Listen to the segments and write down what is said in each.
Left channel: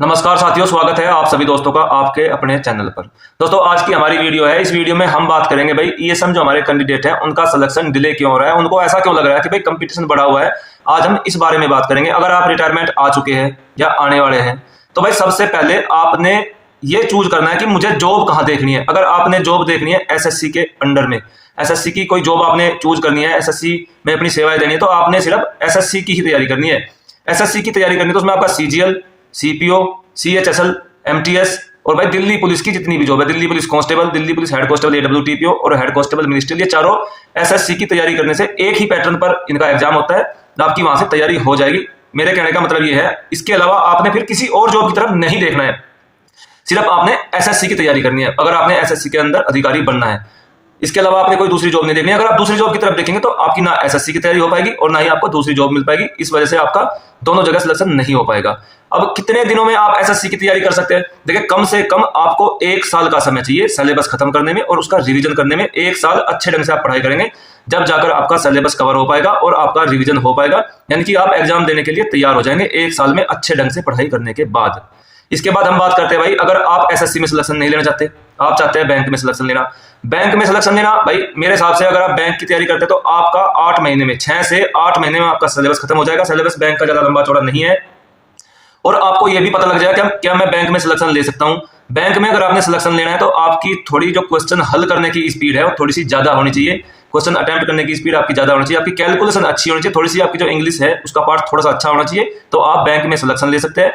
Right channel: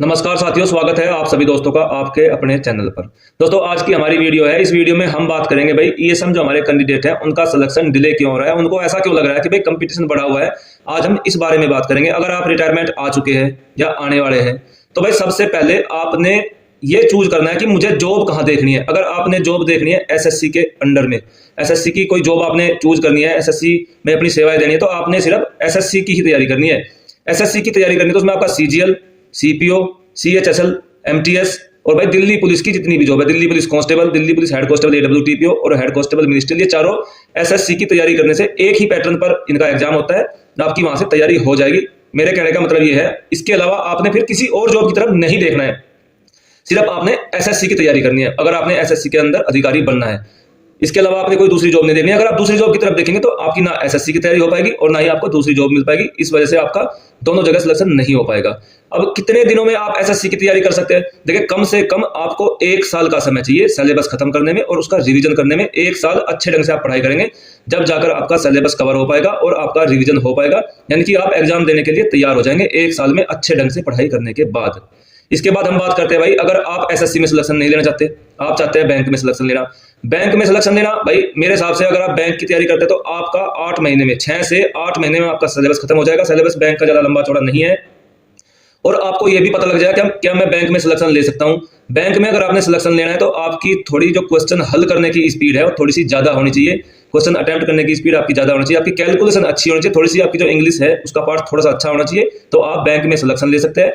नमस्कार साथियों, स्वागत है आप सभी दोस्तों का आपके अपने चैनल पर। दोस्तों आज की हमारी वीडियो है। इस वीडियो में हम बात करेंगे भाई ईएसएम जो हमारे कैंडिडेट हैं उनका सिलेक्शन डिले क्यों हो रहा है, उनको ऐसा क्यों लग रहा है कि भाई कंपटीशन बढ़ा हुआ है। आज हम इस बारे में बात करेंगे। अगर आप रिटायरमेंट आ चुके हैं या आने वाले हैं तो भाई सबसे पहले आपने ये चूज करना है कि मुझे जॉब कहाँ देखनी है। अगर आपने जॉब देखनी है एसएससी के अंडर में, एसएससी की कोई जॉब आपने चूज करनी है, एसएससी में अपनी सेवाएं देनी है, तो आपने सिर्फ एसएससी की ही तैयारी करनी है। एसएससी की तैयारी करनी है तो उसमें आपका सीजीएल, सीपीओ, सीएचएसएल, एमटीएस और भाई दिल्ली पुलिस की जितनी भी जॉब है, Delhi police constable, Delhi police head constable AWTPO और हेड कांस्टेबल मिनिस्ट्रियल, ये चारों एसएससी की तैयारी करने से एक ही पैटर्न पर इनका एग्जाम होता है, आपकी वहां से तैयारी हो जाएगी। मेरे कहने का मतलब ये है, इसके अलावा आपने फिर किसी और जॉब की तरफ नहीं देखना है, सिर्फ आपने एसएससी की तैयारी करनी है अगर आपने एसएससी के अंदर अधिकारी बनना है। इसके अलावा आपने कोई दूसरी जॉब नहीं देखनी है। अगर आप दूसरी जॉब की तरफ देखेंगे तो आपकी ना एसएससी की तैयारी हो पाएगी और ना ही आपको दूसरी जॉब मिल पाएगी। इस वजह से आपका दोनों जगह सिलेक्शन नहीं हो पाएगा। अब कितने दिनों में आप एसएससी की तैयारी कर सकते हैं? देखिए, कम से कम आपको 1 साल का समय चाहिए सिलेबस खत्म करने में और उसका रिवीजन करने में। 1 साल अच्छे ढंग से आप पढ़ाई करेंगे, जब जाकर आपका सिलेबस कवर हो पाएगा और आपका रिवीजन हो पाएगा, यानी कि आप एग्जाम देने के लिए तैयार हो जाएंगे 1 साल में अच्छे ढंग से पढ़ाई करने के बाद। इसके बाद हम बात करते हैं भाई, अगर आप एसएससी में सिलेक्शन नहीं लेना चाहते, आप चाहते हैं बैंक में सिलेक्शन लेना। बैंक में सिलेक्शन लेना भाई मेरे हिसाब से अगर आप बैंक की तैयारी करते हैं तो आपका 8 महीने में, 6 से 8 महीने में आपका सिलेबस खत्म हो जाएगा। सिलेबस बैंक का ज्यादा लंबा चौड़ा नहीं है और आपको यह भी पता लग जाएगा क्या मैं बैंक में सिलेक्शन ले सकता हूं। बैंक में अगर आपने सिलेक्शन लेना है तो आपकी थोड़ी जो क्वेश्चन हल करने की स्पीड है वो थोड़ी सी ज्यादा होनी चाहिए। क्वेश्चन अटेम्प्ट करने की स्पीड आपकी ज्यादा होनी चाहिए, आपकी कैलकुलेशन अच्छी होनी चाहिए, थोड़ी सी आपकी जो इंग्लिश है उसका पार्ट थोड़ा सा अच्छा होना चाहिए, तो आप बैंक में सिलेक्शन ले सकते हैं।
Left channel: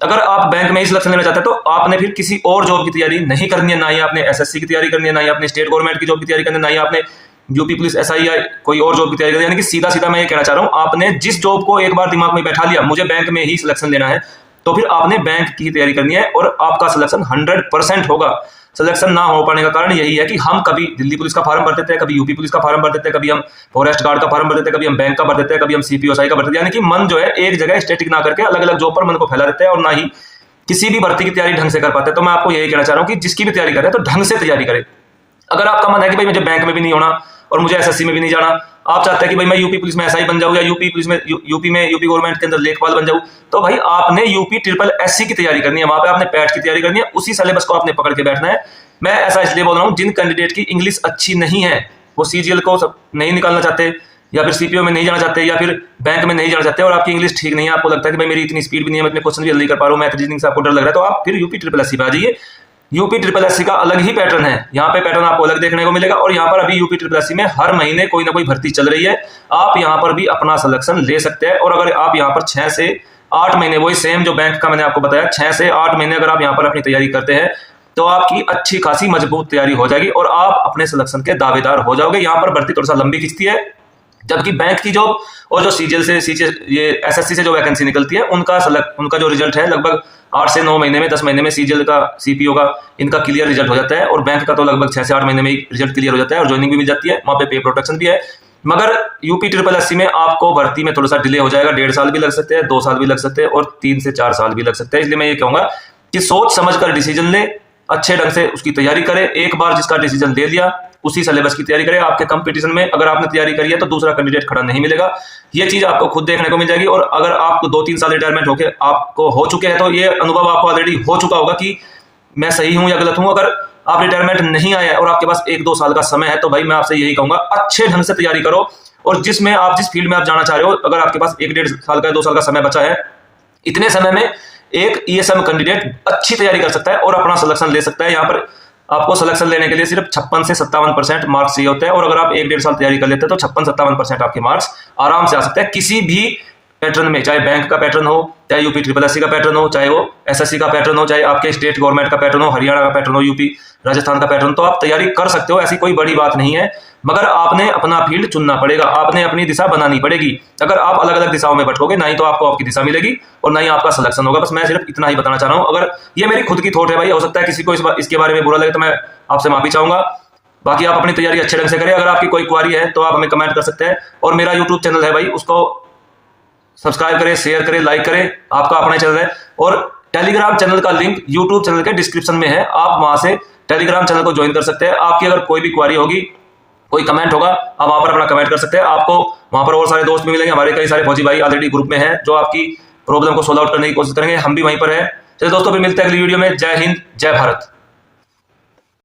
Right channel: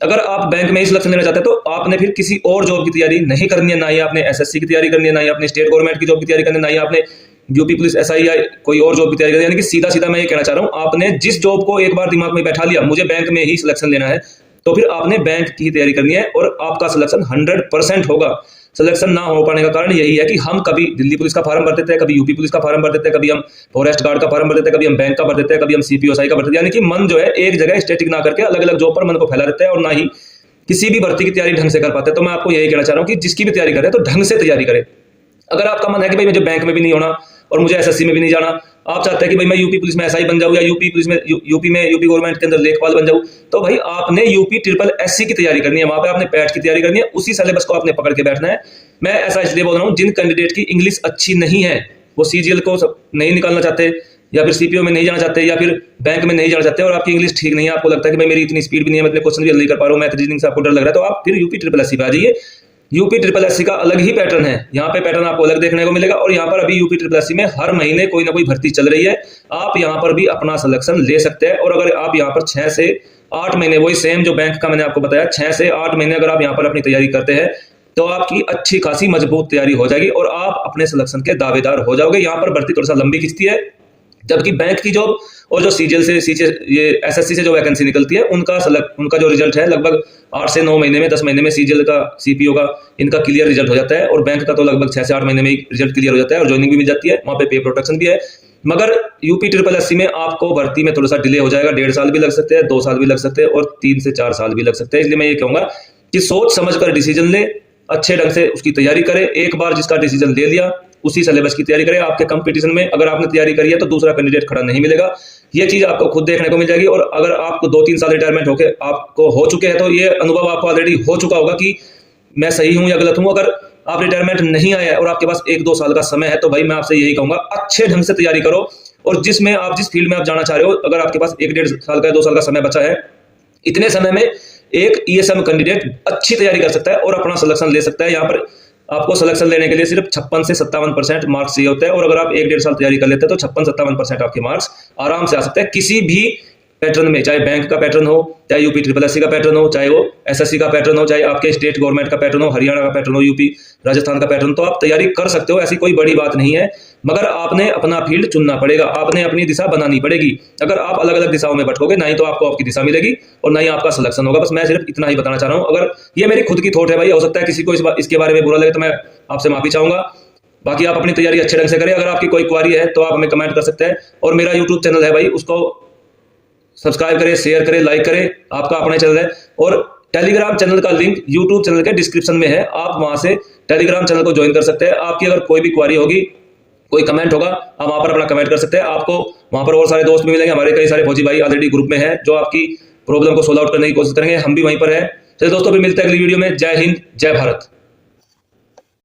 अगर आप बैंक में ही सिलेक्शन लेना चाहते हैं तो आपने फिर किसी और जॉब की तैयारी नहीं करनी है, ना ही आपने एसएससी की तैयारी करनी है, ना ही आपने स्टेट गवर्नमेंट की जॉब की तैयारी करनी है, ना ही आपने यूपी पुलिस एसआई या कोई और जॉब की तैयारी करनी है। यानी कि सीधा सीधा मैं ये कहना चाह रहा हूं, आपने जिस जॉब को एक बार दिमाग में बैठा लिया मुझे बैंक में ही सिलेक्शन लेना है, तो फिर आपने बैंक की तैयारी करनी है और आपका सिलेक्शन 100% होगा। सिलेक्शन ना हो पाने का कारण यही है कि हम कभी दिल्ली पुलिस का फॉर्म भर देते हैं, कभी यूपी पुलिस का फॉर्म भर देते हैं, कभी हम फॉरेस्ट गार्ड का फॉर्म भर देते हैं, कभी हम बैंक का भर देते हैं, कभी हम सीपीओसाई का भर देते हैं। यानी कि मन जो है एक जगह स्टैटिक ना करके अलग अलग जॉब पर मन को फैला देते हैं और ना ही किसी भी भर्ती की तैयारी ढंग से कर पाते हैं। तो मैं आपको यही कहना चाह रहा हूं कि जिसकी भी तैयारी करें तो ढंग से तैयारी करें। अगर आपका मन है कि भाई मुझे बैंक में भी नहीं होना और मुझे एसएससी में भी नहीं जाना, आप चाहते हैं कि भाई मैं यूपी पुलिस में एसआई बन जाऊं या यूपी पुलिस में यूपी गवर्नमेंट के अंदर लेखपाल बन जाऊं, तो भाई आपने यूपी ट्रिपल एससी की तैयारी करनी है, वहां पे आपने पैट की तैयारी करनी है, उसी सिलेबस को आपने पकड़ के बैठना है। मैं ऐसा इसलिए बोल रहा हूं, जिन कैंडिडेट की इंग्लिश अच्छी नहीं है, वो सीजीएल को नहीं निकालना चाहते या फिर सीपीओ में नहीं जाना चाहते या फिर बैंक में नहीं जाना चाहते और आपकी इंग्लिश ठीक नहीं है, आपको लगता है कि भाई मेरी इतनी स्पीड भी नहीं है, मैं इतने क्वेश्चन भी जल्दी कर पा रहा हूं, मैथ रीजनिंग से आपको डर लग रहा है, तो आप फिर यूपी ट्रिपल एससी पे आ जाइए। यूपी ट्रिपल एससी का अलग ही पैटर्न है, यहाँ पे पैटर्न आपको अलग देखने को मिलेगा और यहाँ पर अभी यूपी ट्रिपल एससी में हर महीने कोई ना कोई भर्ती चल रही है, आप यहाँ पर भी अपना सिलेक्शन ले सकते हैं। और अगर आप यहाँ पर 6 से 8 महीने, वही सेम जो बैंक का मैंने आपको बताया, 6 से 8 महीने अगर आप यहाँ पर अपनी तैयारी करते हैं तो आपकी अच्छी खासी मजबूत तैयारी हो जाएगी और आप अपने सिलेक्शन के दावेदार हो जाओगे। यहाँ पर भर्ती थोड़ा सा लंबी खिंचती है, जबकि बैंक की जॉब और जो सीजीएल से ये एसएससी से जो वैकेंसी निकलती है उनका जो रिजल्ट है लगभग 8 से 9 महीने में, 10 महीने में सीजीएल का, सीपीओ का इनका क्लियर रिजल्ट हो जाता है और बैंक का तो लगभग 6 से 8 महीने में ही रिजल्ट क्लियर हो जाता है और ज्वाइनिंग भी मिल जाती है, वहां पे प्रोटेक्शन भी है। मगर यूपी ट्रिपल एससी में आपको भर्ती में थोड़ा सा डिले हो जाएगा, 1.5 साल भी लग सकते हैं, 2 साल भी लग सकते हैं और 3 से 4 साल भी लग सकते हैं। इसलिए मैं ये कहूंगा कि सोच समझ कर डिसीजन ले, अच्छे ढंग से उसकी तैयारी करें। एक बार जिसका डिसीजन ले लिया उसी सिलेबस की तैयारी करें। आपके कंपटीशन में अगर आपने तैयारी करी है तो दूसरा कैंडिडेट खड़ा नहीं मिलेगा, ये चीज आपको खुद देखने को मिल जाएगी। और अगर आपको 2-3 साल रिटायरमेंट होके आपको हो चुके हैं तो ये अनुभव आपको ऑलरेडी हो चुका होगा कि मैं सही हूं या गलत हूं। अगर आप रिटायरमेंट नहीं आए और आपके पास 1-2 साल का समय है तो भाई मैं आपसे यही कहूंगा, अच्छे ढंग से तैयारी करो और जिस फील्ड में आप जाना चाह रहे हो, अगर आपके पास 1-1.5 साल का 2 साल का समय बचा है, इतने समय में एक ईएसएम कैंडिडेट अच्छी तैयारी कर सकता है और अपना सिलेक्शन ले सकता है। यहाँ पर आपको सिलेक्शन लेने के लिए सिर्फ 56 से 57% मार्क्स चाहिए होते हैं और अगर आप 1-1.5 साल तैयारी कर लेते हैं तो 56-57% आपके मार्क्स आराम से आ सकते हैं किसी भी पैटर्न में, चाहे बैंक का पैटर्न हो, चाहे यूपी ट्रिपल एससी का पैटर्न हो, चाहे वो एसएससी का पैटर्न हो, चाहे आपके स्टेट गवर्नमेंट का पैटर्न हो, हरियाणा का पैटर्न हो, यूपी राजस्थान का पैटर्न, तो आप तैयारी कर सकते हो, ऐसी कोई बड़ी बात नहीं है। मगर आपने अपना फील्ड चुनना पड़ेगा, आपने अपनी दिशा बनानी पड़ेगी। अगर आप अलग अलग दिशाओं में भटकोगे ना ही तो आपको आपकी दिशा मिलेगी और ना ही आपका सिलेक्शन होगा। बस मैं सिर्फ इतना ही बताना चाह रहा हूं। अगर ये मेरी खुद की थॉट है भाई, हो सकता है किसी को इसके बारे में बुरा लगे तो मैं आपसे माफी चाहूंगा। बाकी आप अपनी तैयारी अच्छे ढंग से करें। अगर आपकी कोई क्वारी है तो आप हमें कमेंट कर सकते हैं और मेरा यूट्यूब चैनल है भाई, उसको सब्सक्राइब करें, शेयर करें, लाइक करें, आपका अपना चैनल है। और टेलीग्राम चैनल का लिंक यूट्यूब चैनल के डिस्क्रिप्शन में है, आप वहां से टेलीग्राम चैनल को ज्वाइन कर सकते हैं। आपकी अगर कोई भी क्वारी होगी, कोई कमेंट होगा, आप वहां पर अपना कमेंट कर सकते हैं। आपको वहां पर और सारे दोस्त भी मिलेंगे, हमारे कई सारे फौजी भाई ऑलरेडी ग्रुप में हैं जो आपकी प्रॉब्लम को सोल्व आउट करने की कोशिश करेंगे। हम भी वहीं पर है, चलिए दोस्तों, फिर मिलते हैं अगली वीडियो में। जय हिंद, जय भारत।